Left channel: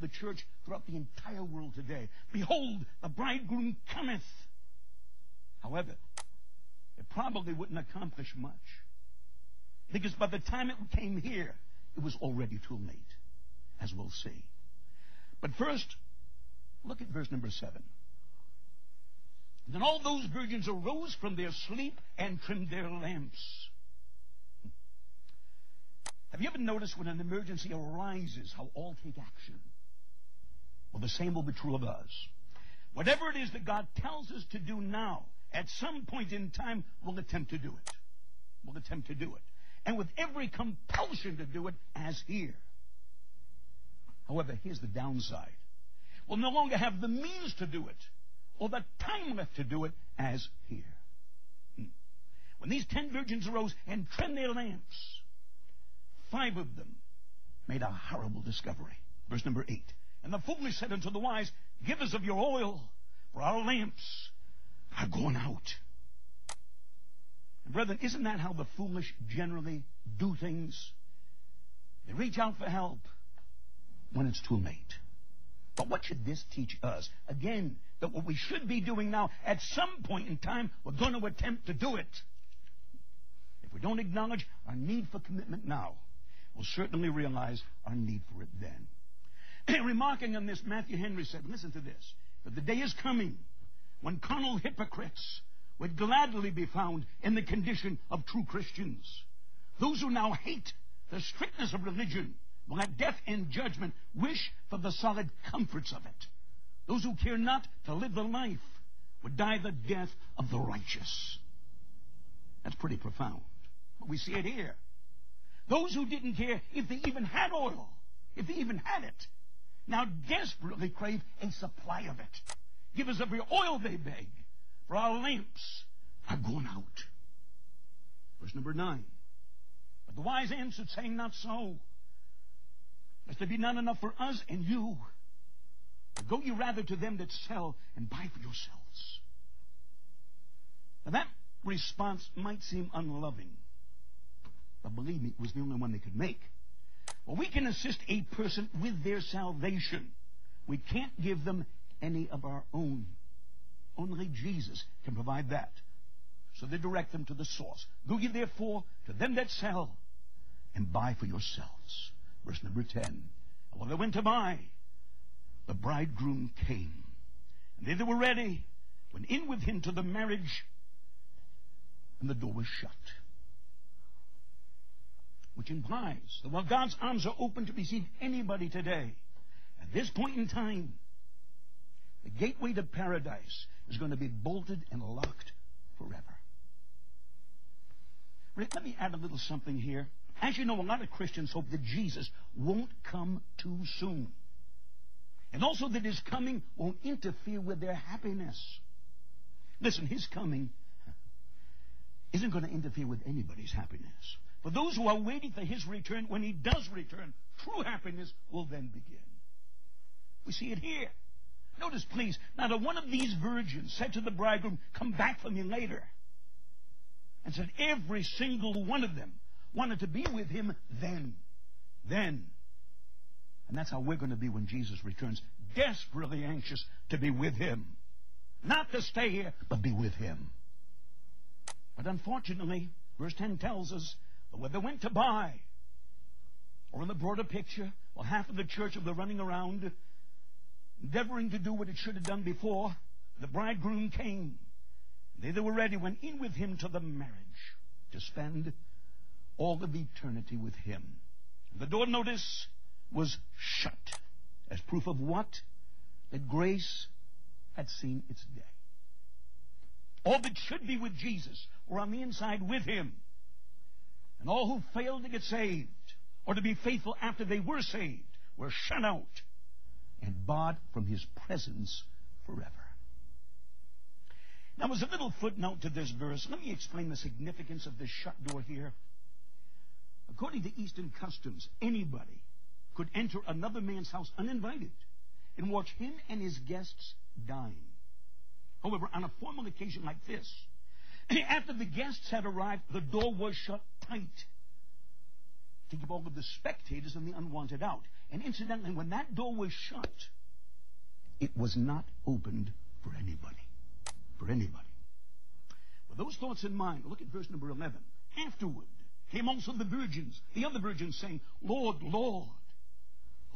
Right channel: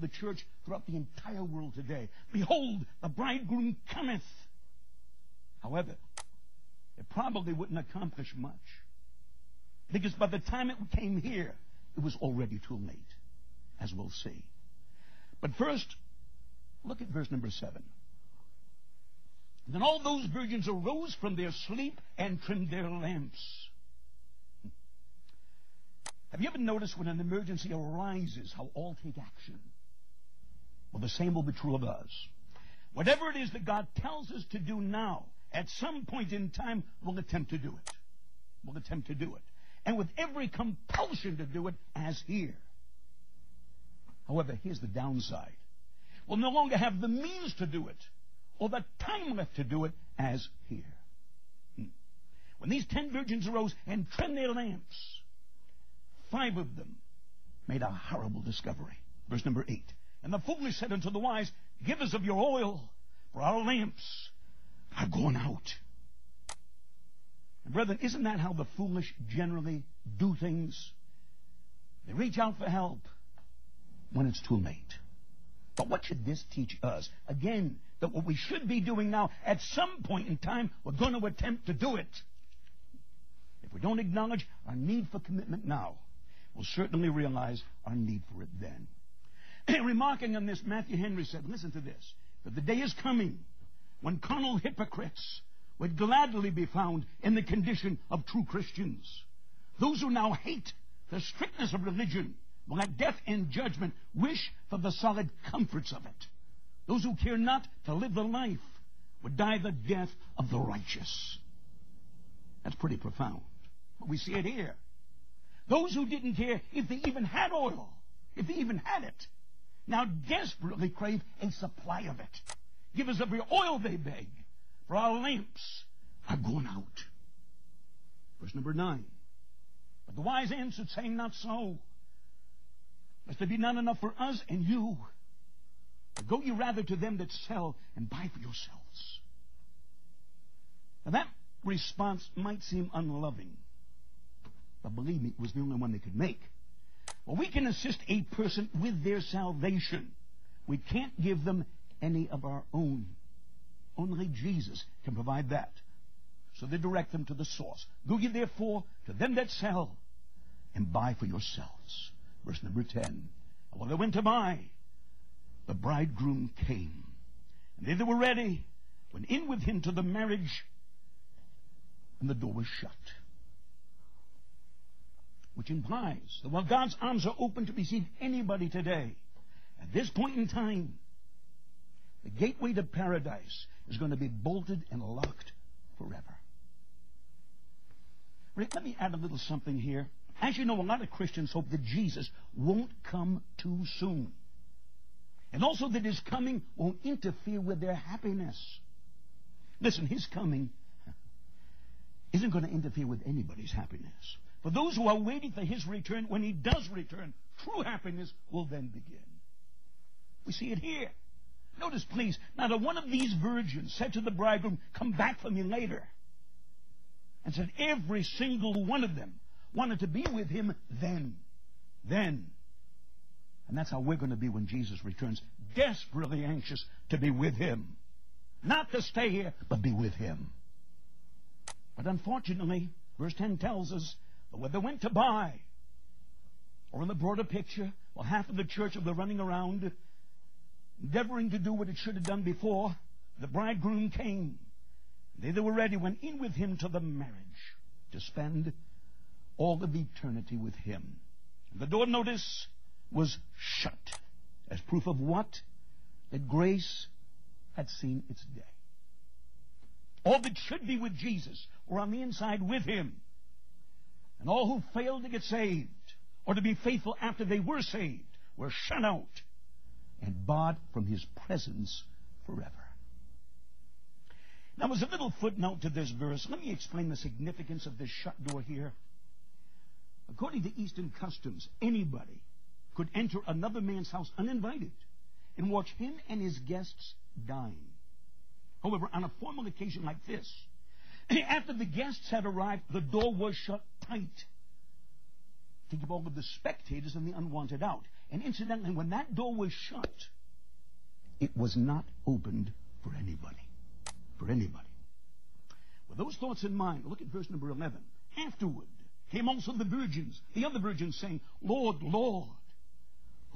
the church throughout the entire world today. Behold, the bridegroom cometh. However, it probably wouldn't accomplish much, because by the time it came here, it was already too late, as we'll see. But first, look at verse number 7. Then all those virgins arose from their sleep and trimmed their lamps. Have you ever noticed when an emergency arises how all take action? Well, the same will be true of us. Whatever it is that God tells us to do now, at some point in time, we'll attempt to do it. We'll attempt to do it. And with every compulsion to do it, as here. However, here's the downside. We'll no longer have the means to do it, or the time left to do it, as here. When these 10 virgins arose and trimmed their lamps, 5 of them made a horrible discovery. Verse number 8. And the foolish said unto the wise, Give us of your oil, for our lamps are gone out. And brethren, isn't that how the foolish generally do things? They reach out for help when it's too late. But what should this teach us? Again, that what we should be doing now, at some point in time, we're going to attempt to do it. If we don't acknowledge our need for commitment now, we'll certainly realize our need for it then. Remarking on this, Matthew Henry said, listen to this, that the day is coming when carnal hypocrites would gladly be found in the condition of true Christians. Those who now hate the strictness of religion will at death and judgment wish for the solid comforts of it. Those who care not to live the life would die the death of the righteous. That's pretty profound. But we see it here. Those who didn't care if they even had oil, if they even had it, now desperately crave a supply of it. Give us of your oil, they beg, for our lamps are gone out. Verse number 9. But the wise answered, saying, Not so. Lest there be not enough for us and you. But go ye rather to them that sell and buy for yourselves. Now that response might seem unloving, but believe me, it was the only one they could make. Well, we can assist a person with their salvation. We can't give them any of our own. Only Jesus can provide that. So they direct them to the source. Go ye therefore to them that sell and buy for yourselves. Verse number 10. And when they went to buy, the bridegroom came. And they that were ready went in with him to the marriage, and the door was shut. Which implies that while God's arms are open to receive anybody today, at this point in time, the gateway to paradise is going to be bolted and locked forever. Let me add a little something here. As you know, a lot of Christians hope that Jesus won't come too soon. And also that his coming won't interfere with their happiness. Listen, his coming isn't going to interfere with anybody's happiness. For those who are waiting for his return, when he does return, true happiness will then begin. We see it here. Notice, please, not a one of these virgins said to the bridegroom, Come back for me later. And said every single one of them wanted to be with him then. And that's how we're going to be when Jesus returns. Desperately anxious to be with him. Not to stay here, but be with him. But unfortunately, verse 10 tells us that when they went to buy, or in the broader picture, well, half of the church of the running around, endeavoring to do what it should have done before, the bridegroom came. They that were ready went in with him to the marriage to spend all of eternity with him. The door, notice, was shut. As proof of what? That grace had seen its day. All that should be with Jesus were on the inside with him. And all who failed to get saved, or to be faithful after they were saved, were shut out and barred from his presence forever. Now, as a little footnote to this verse, let me explain the significance of this shut door here. According to Eastern customs, anybody could enter another man's house uninvited and watch him and his guests dine. However, on a formal occasion like this, after the guests had arrived, the door was shut tight to keep all of the spectators and the unwanted out. And incidentally, when that door was shut, it was not opened for anybody. For anybody. With those thoughts in mind, look at verse number 11. Afterward came also the virgins, the other virgins, saying, Lord, Lord,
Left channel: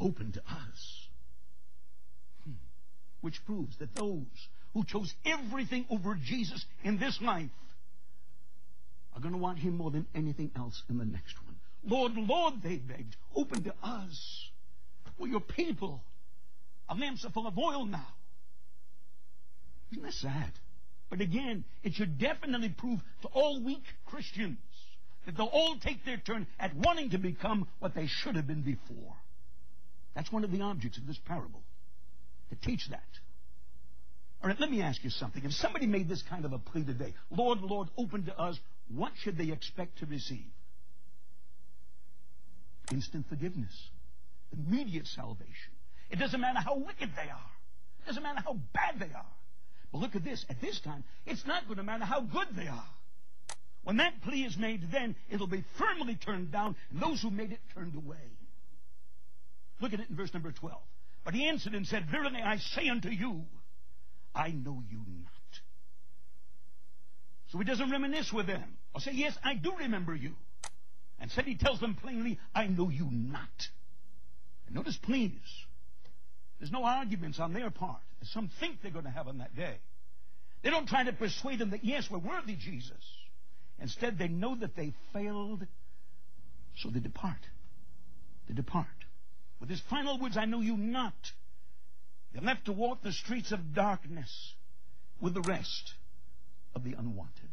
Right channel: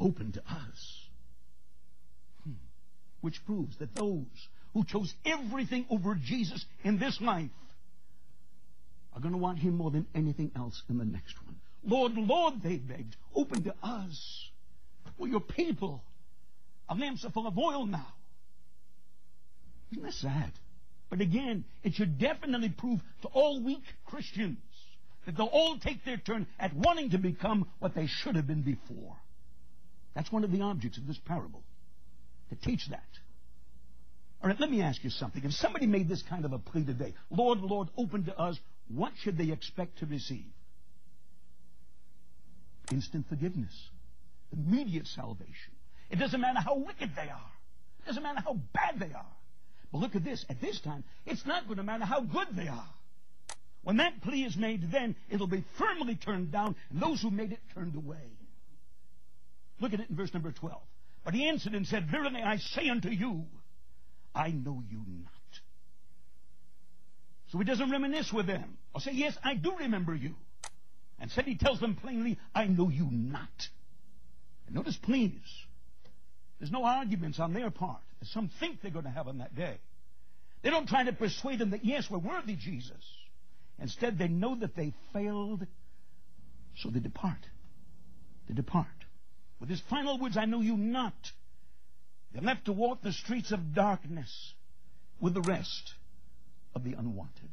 open to us. Which proves that those who chose everything over Jesus in this life are going to want him more than anything else in the next one. Lord, Lord, they begged, open to us. We're your people. Our lamps are full of oil now. Isn't that sad? But again, it should definitely prove to all weak Christians that they'll all take their turn at wanting to become what they should have been before. That's one of the objects of this parable, to teach that. All right, let me ask you something. If somebody made this kind of a plea today, Lord, Lord, open to us, what should they expect to receive? Instant forgiveness. Immediate salvation. It doesn't matter how wicked they are. It doesn't matter how bad they are. But look at this. At this time, it's not going to matter how good they are. When that plea is made, then it'll be firmly turned down, and those who made it turned away. Look at it in verse number 12. But he answered and said, Verily I say unto you, I know you not. So he doesn't reminisce with them, or say, yes, I do remember you. Instead he tells them plainly, I know you not. And notice, please, there's no arguments on their part, as some think they're going to have on that day. They don't try to persuade them that, yes, we're worthy, Jesus. Instead, they know that they failed, so they depart. They depart. With his final words, I know you not, they're left to walk the streets of darkness with the rest of the unwanted.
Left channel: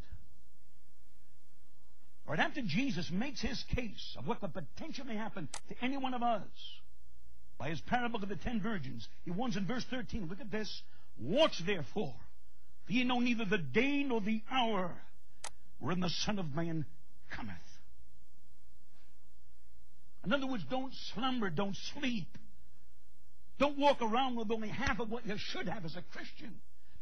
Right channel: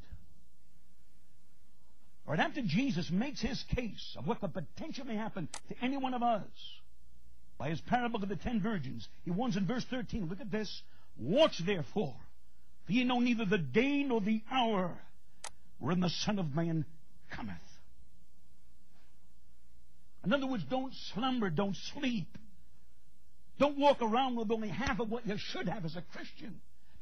All right, after Jesus makes his case of what could potentially happen to any one of us by his parable of the 10 virgins, he warns in verse 13, look at this, watch therefore, for ye know neither the day nor the hour wherein the Son of Man cometh. In other words, don't slumber, don't sleep. Don't walk around with only half of what you should have as a Christian.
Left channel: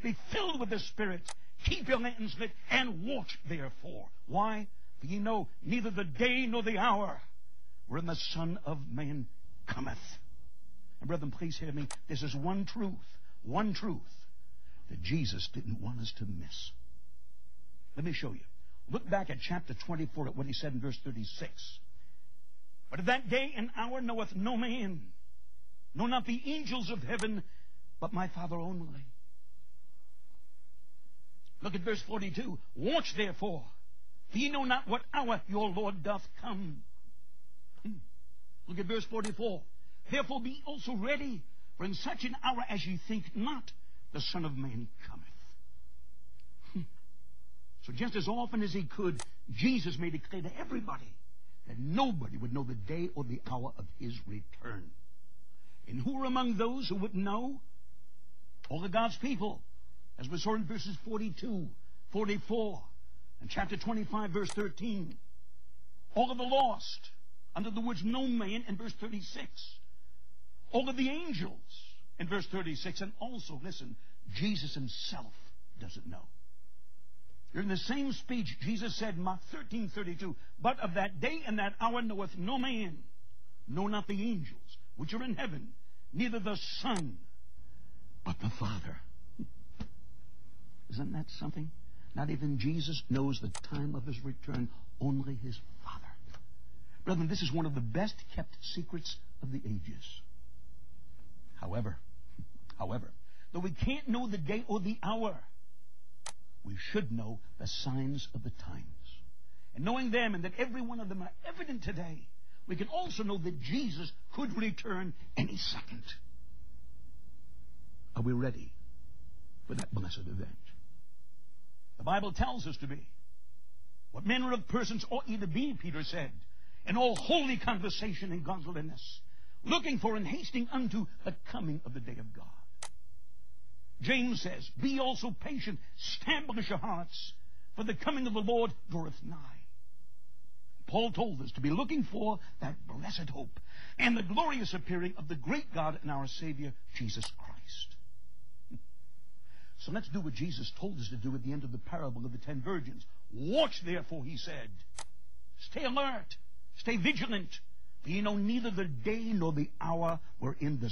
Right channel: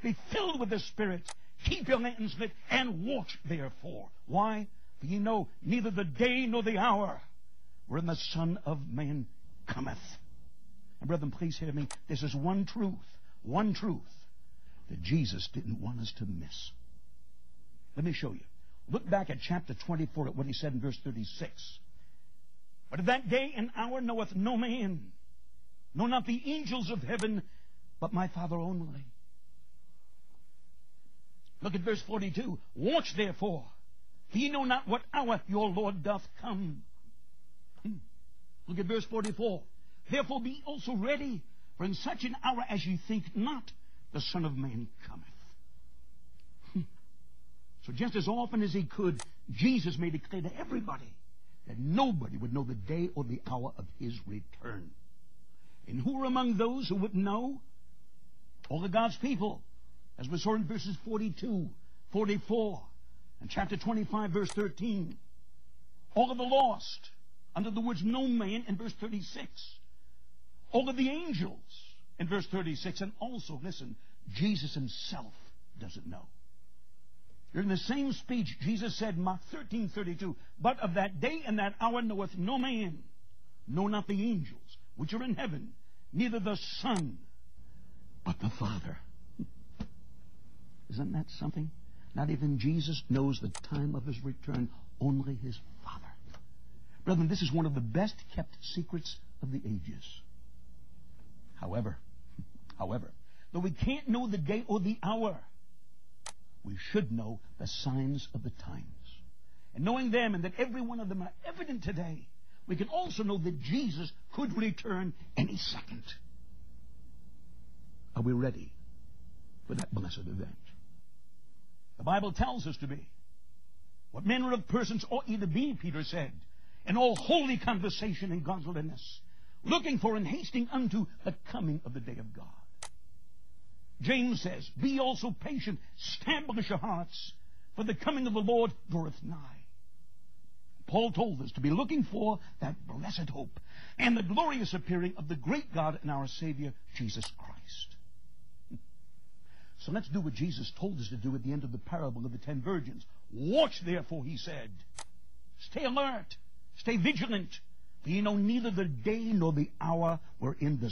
Be filled with the Spirit. Keep your lanterns lit and watch therefore. Why? For ye know neither the day nor the hour wherein the Son of Man cometh. And brethren, please hear me. This is one truth that Jesus didn't want us to miss. Let me show you. Look back at chapter 24 at what he said in verse 36. But of that day and hour knoweth no man, no, not the angels of heaven, but my Father only. Look at verse 42. Watch therefore, for ye know not what hour your Lord doth come. Look at verse 44. Therefore be also ready, for in such an hour as ye think not, the Son of Man cometh. So just as often as he could, Jesus made it clear to everybody that nobody would know the day or the hour of his return. And who were among those who wouldn't know? All of God's people, as we saw in verses 42, 44, and chapter 25, verse 13. All of the lost, under the words no man, in verse 36. All of the angels, in verse 36. And also, listen, Jesus himself doesn't know. During the same speech, Jesus said, Mark 13:32, but of that day and that hour knoweth no man, no, not the angels, which are in heaven, neither the Son, but the Father. Isn't that something? Not even Jesus knows the time of his return, only his Father. Brethren, this is one of the best kept secrets of the ages. However, though we can't know the day or the hour, we should know the signs of the times. And knowing them, and that every one of them are evident today, we can also know that Jesus could return any second. Are we ready for that blessed event? The Bible tells us to be. What manner of persons ought ye to be, Peter said, in all holy conversation and godliness, looking for and hasting unto the coming of the day of God. James says, be also patient, establish your hearts, for the coming of the Lord draweth nigh. Paul told us to be looking for that blessed hope and the glorious appearing of the great God and our Savior, Jesus Christ. So let's do what Jesus told us to do at the end of the parable of the 10 virgins. Watch, therefore, he said. Stay alert. Stay vigilant. For ye know neither the day nor the hour wherein the